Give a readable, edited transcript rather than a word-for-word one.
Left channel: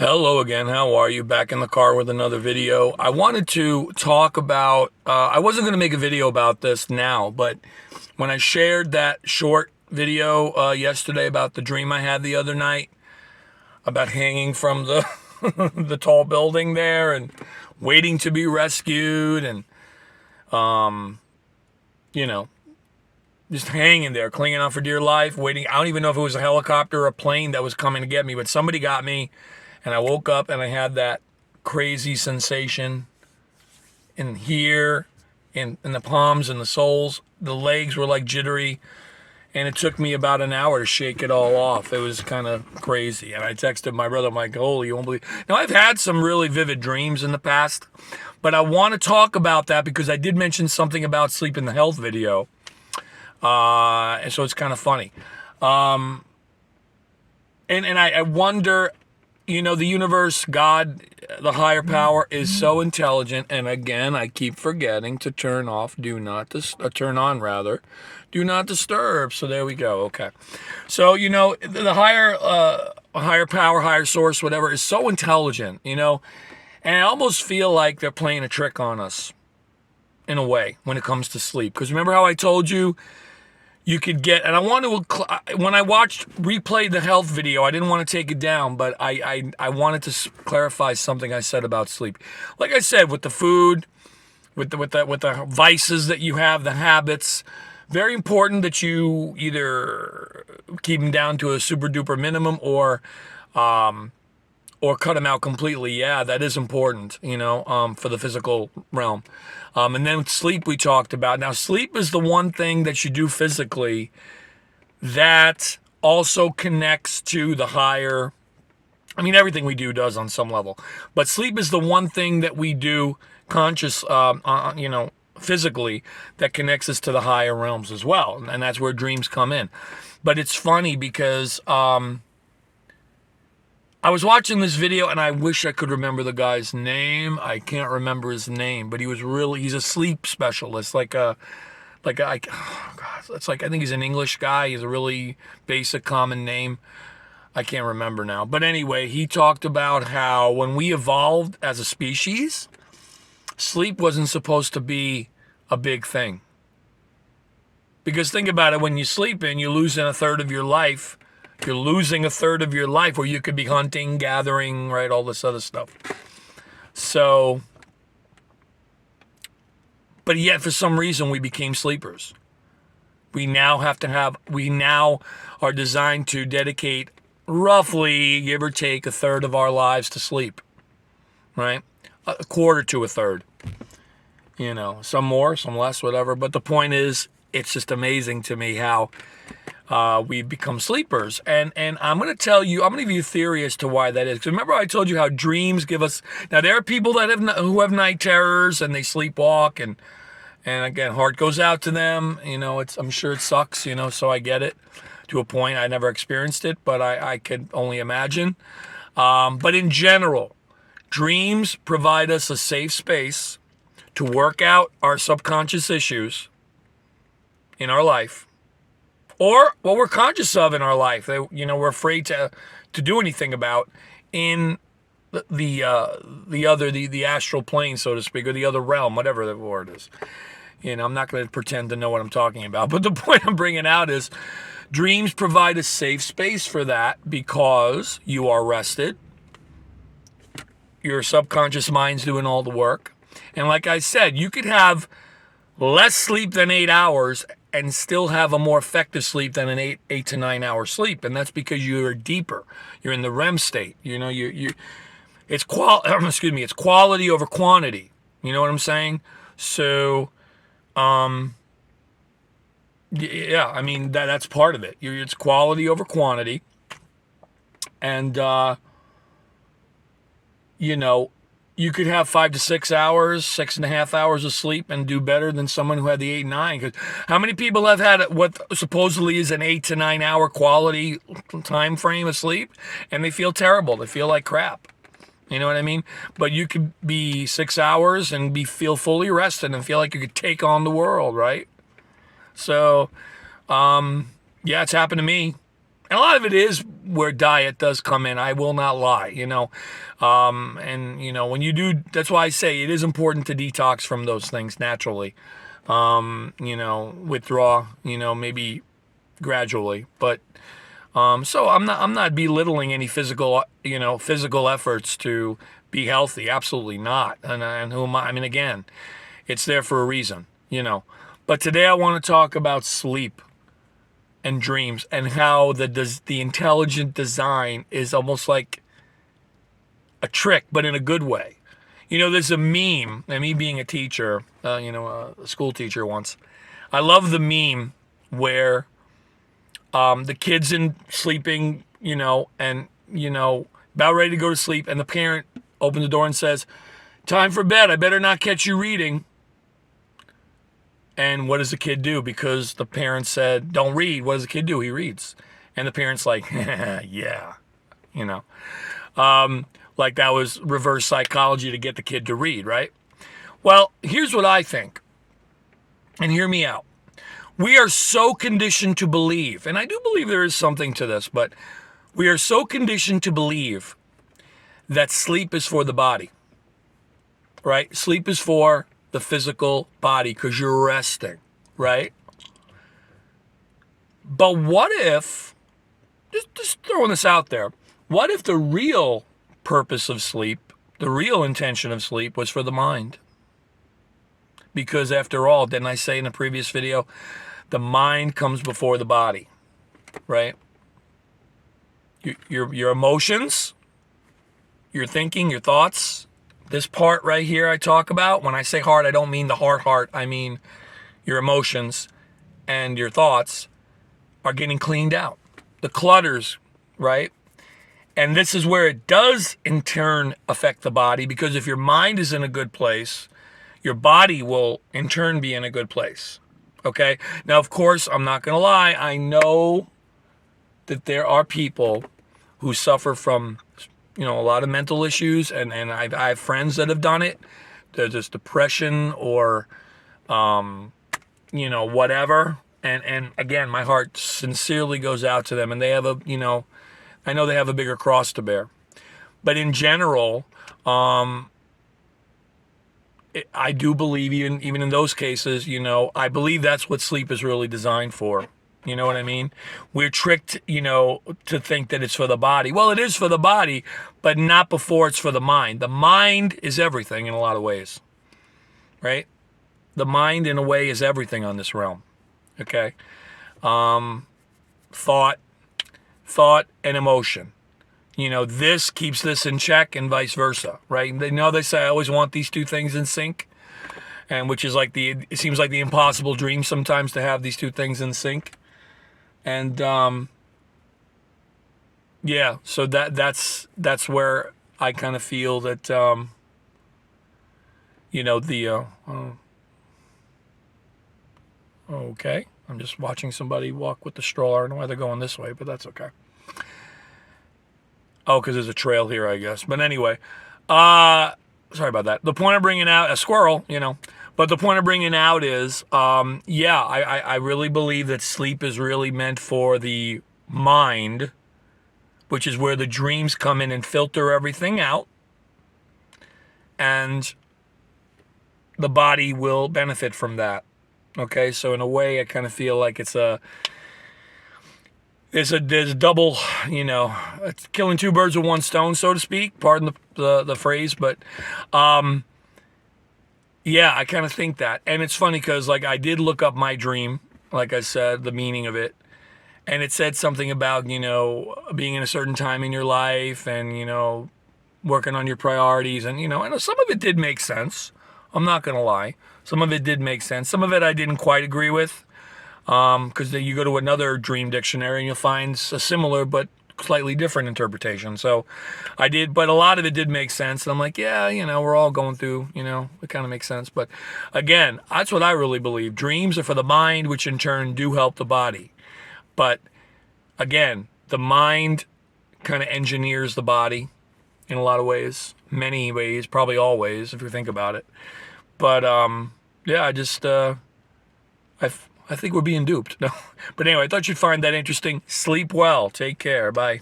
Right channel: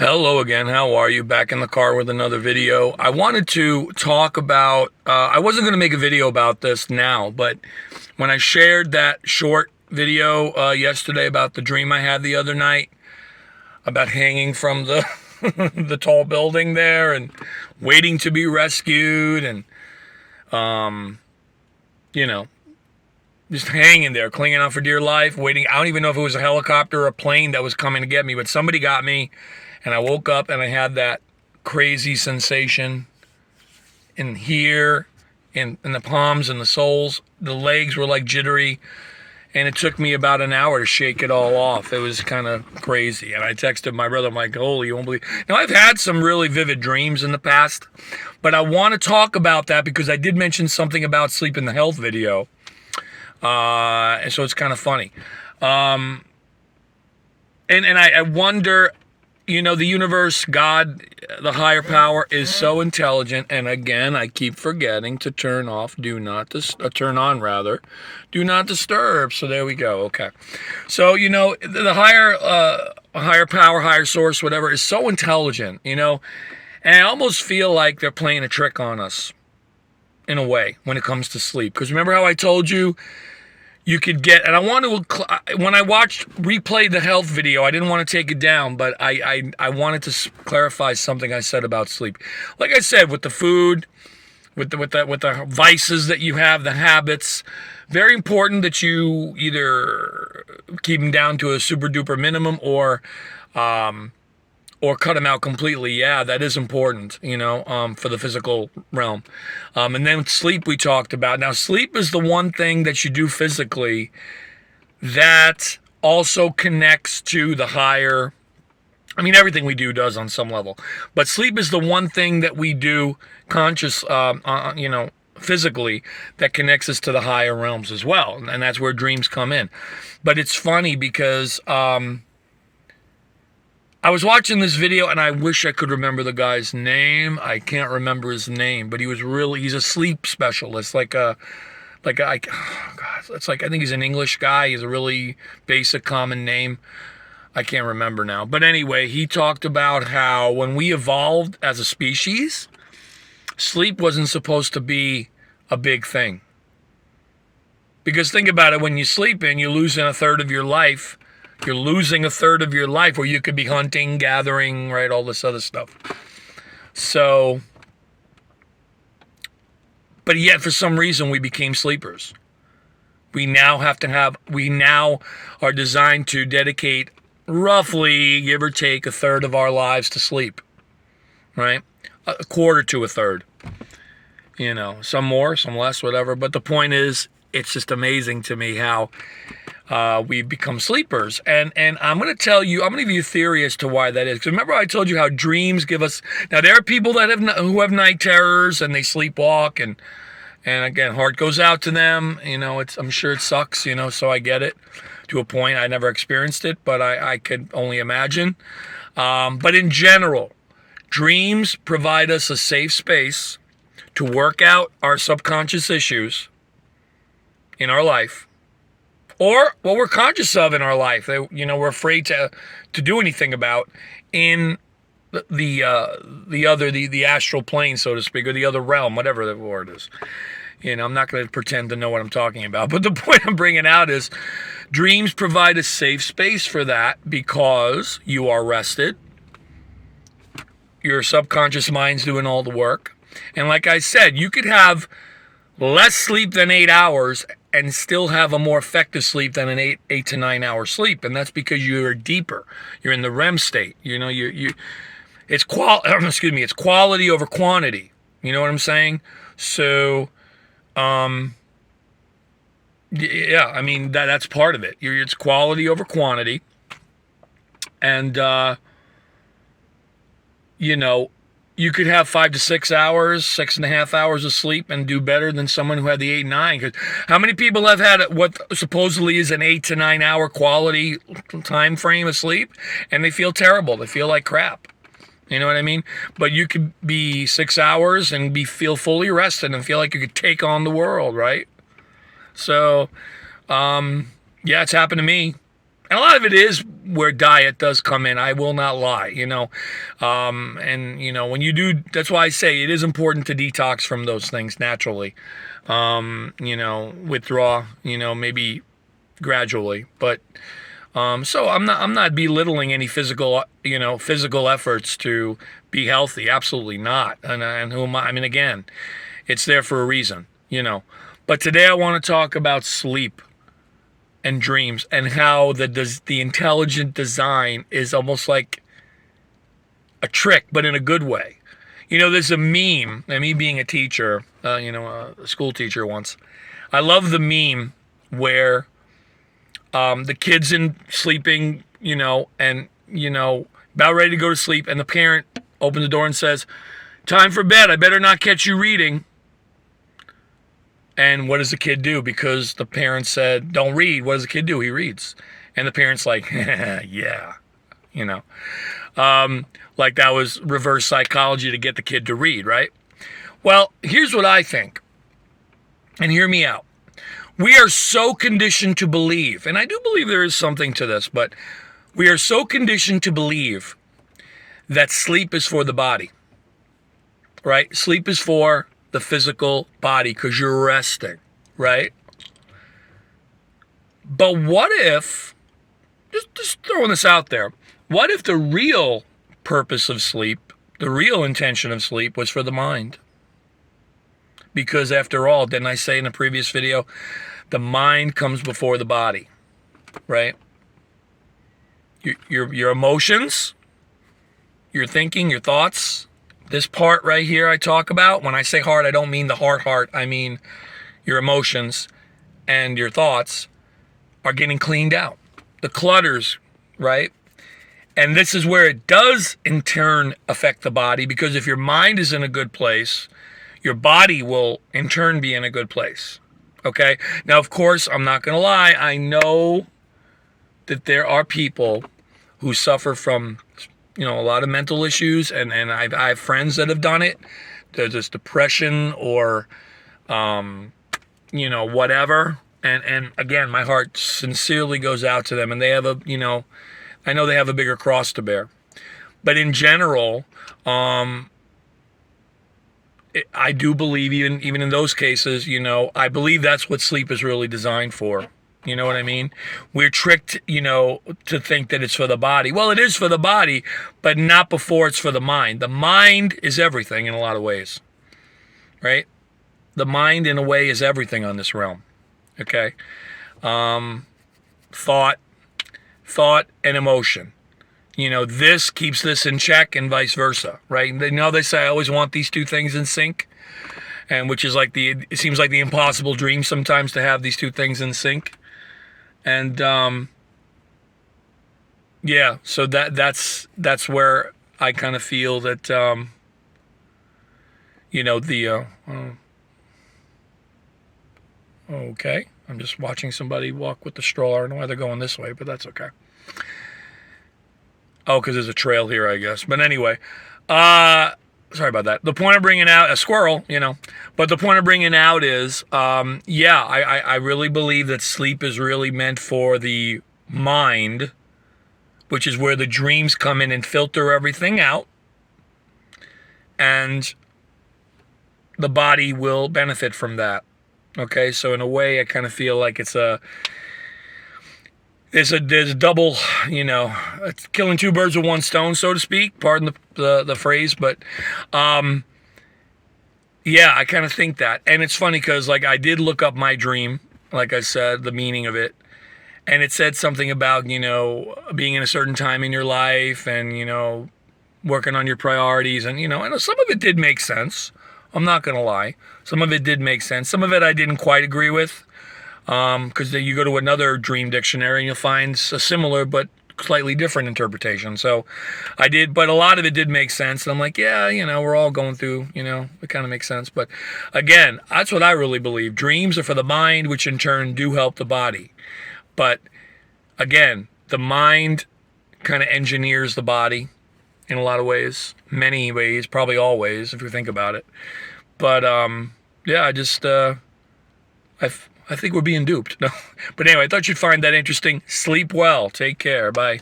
Hello again. How are you? Back in the car with another video. I wanted to talk about, I wasn't going to make a video about this now, but when I shared that short video yesterday about the dream I had the other night about hanging from the the tall building there and waiting to be rescued and you know, just hanging there, clinging on for dear life, waiting. I don't even know if it was a helicopter or a plane that was coming to get me, but somebody got me. And I woke up and I had that crazy sensation in here, in the palms and the soles. The legs were like jittery. And it took me about an hour to shake it all off. It was kind of crazy. And I texted my brother, I'm like, holy, you won't believe. Now, I've had some really vivid dreams in the past, but I want to talk about that because I did mention something about sleep in the health video. And so it's kind of funny. And I wonder, you know, the universe, God, the higher power is so intelligent. And again, I keep forgetting to turn off, turn on rather, do not disturb. So there we go. Okay. So, you know, the higher power, higher source, whatever, is so intelligent, you know, and I almost feel like they're playing a trick on us in a way when it comes to sleep. Because remember how I told you, you could get, and I want to, when I replay the health video, I didn't want to take it down, but I wanted to clarify something I said about sleep. Like I said, with the food, with the vices that you have, the habits, very important that you either keep them down to a super duper minimum or cut them out completely. Yeah, that is important, you know, for the physical realm. And then sleep we talked about. Now, sleep is the one thing that you do physically that also connects to the higher. I mean, everything we do does on some level. But sleep is the one thing that we do you know, physically that connects us to the higher realms as well. And that's where dreams come in. But it's funny because I was watching this video and I wish I could remember the guy's name. I can't remember his name, but he's a sleep specialist, oh God, it's like, I think he's an English guy. He's a really basic common name. I can't remember now. But anyway, he talked about how when we evolved as a species, sleep wasn't supposed to be a big thing. Because think about it, when you sleep in, you're losing a third of your life. You're losing a third of your life where you could be hunting, gathering, right, all this other stuff. So, but yet for some reason we became sleepers. We now are designed to dedicate roughly, give or take, a third of our lives to sleep, right? A quarter to a third. You know, some more, some less, whatever. But the point is, it's just amazing to me how we've become sleepers. And I'm going to give you a theory as to why that is. Because remember I told you how dreams give us, now there are people who have night terrors and they sleepwalk and again, heart goes out to them. You know, I'm sure it sucks, you know, so I get it to a point. I never experienced it, but I could only imagine. But in general, dreams provide us a safe space to work out our subconscious issues in our life, or what we're conscious of in our life that, you know, we're afraid to do anything about in the astral plane, so to speak, or the other realm, whatever the word is. You know, I'm not going to pretend to know what I'm talking about, but the point I'm bringing out is dreams provide a safe space for that because you are rested. Your subconscious mind's doing all the work. And like I said, you could have less sleep than 8 hours and still have a more effective sleep than an 8 to 9 hour sleep. And that's because you're deeper. You're in the REM state. You know, it's it's quality over quantity. You know what I'm saying? So, yeah, I mean, that's part of it. It's quality over quantity. And, you know, you could have 5 to 6 hours, 6.5 hours of sleep and do better than someone who had the 8, 9. Because how many people have had what supposedly is an 8 to 9 hour quality time frame of sleep, and they feel terrible. They feel like crap. You know what I mean? But you could be 6 hours and feel fully rested and feel like you could take on the world, right? So, yeah, it's happened to me. And a lot of it is where diet does come in. I will not lie, and when you do, that's why I say it is important to detox from those things naturally. Withdraw, maybe gradually, but so I'm not belittling any physical efforts to be healthy. Absolutely not. And who am I? I mean, again, it's there for a reason. But today I want to talk about sleep and dreams and how the intelligent design is almost like a trick, but in a good way. There's a meme, and me being a teacher, a school teacher once, I love the meme where the kid's in sleeping, and, about ready to go to sleep, and the parent opens the door and says, "Time for bed. I better not catch you reading." And what does the kid do? Because the parent said, "Don't read." What does the kid do? He reads. And the parent's like, yeah, like that was reverse psychology to get the kid to read, right? Well, here's what I think. And hear me out. We are so conditioned to believe, and I do believe there is something to this, but we are so conditioned to believe that sleep is for the body, right? Sleep is for the physical body because you're resting, right? But what if, just throwing this out there, what if the real purpose of sleep, the real intention of sleep was for the mind? Because after all, didn't I say in a previous video, the mind comes before the body, right? Your emotions, your thinking, your thoughts, this part right here I talk about. When I say heart, I don't mean the heart. I mean your emotions and your thoughts are getting cleaned out. The clutters, right? And this is where it does in turn affect the body, because if your mind is in a good place, your body will in turn be in a good place. Okay? Now, of course, I'm not going to lie. I know that there are people who suffer from, a lot of mental issues, and I have friends that have done it. There's this depression or, whatever. And again, my heart sincerely goes out to them, and they have I know they have a bigger cross to bear. But in general, I do believe even in those cases, I believe that's what sleep is really designed for. You know what I mean? We're tricked, to think that it's for the body. Well, it is for the body, but not before it's for the mind. The mind is everything in a lot of ways, right? The mind, in a way, is everything on this realm, okay? Thought and emotion. This keeps this in check and vice versa, right? They say I always want these two things in sync, and which is like it seems like the impossible dream sometimes to have these two things in sync. And so that's where I kind of feel that okay, I'm just watching somebody walk with the stroller. I don't know why they're going this way, but that's okay. Oh, because there's a trail here, I guess. But anyway, sorry about that. The point of bringing out a squirrel, but the point of bringing out is, I really believe that sleep is really meant for the mind, which is where the dreams come in and filter everything out. And the body will benefit from that. Okay, so in a way, I kind of feel like there's a double, it's killing two birds with one stone, so to speak. Pardon the phrase, but I kind of think that. And it's funny because I did look up my dream, like I said, the meaning of it, and it said something about being in a certain time in your life and working on your priorities, and and some of it did make sense. I'm not gonna lie, some of it did make sense. Some of it I didn't quite agree with. Because you go to another dream dictionary and you'll find a similar but slightly different interpretation. So I did, but a lot of it did make sense. And I'm like, we're all going through, it kind of makes sense. But again, that's what I really believe. Dreams are for the mind, which in turn do help the body. But again, the mind kind of engineers the body in a lot of ways, many ways, probably all ways, if you think about it. But I I think we're being duped. No. But anyway, I thought you'd find that interesting. Sleep well. Take care. Bye.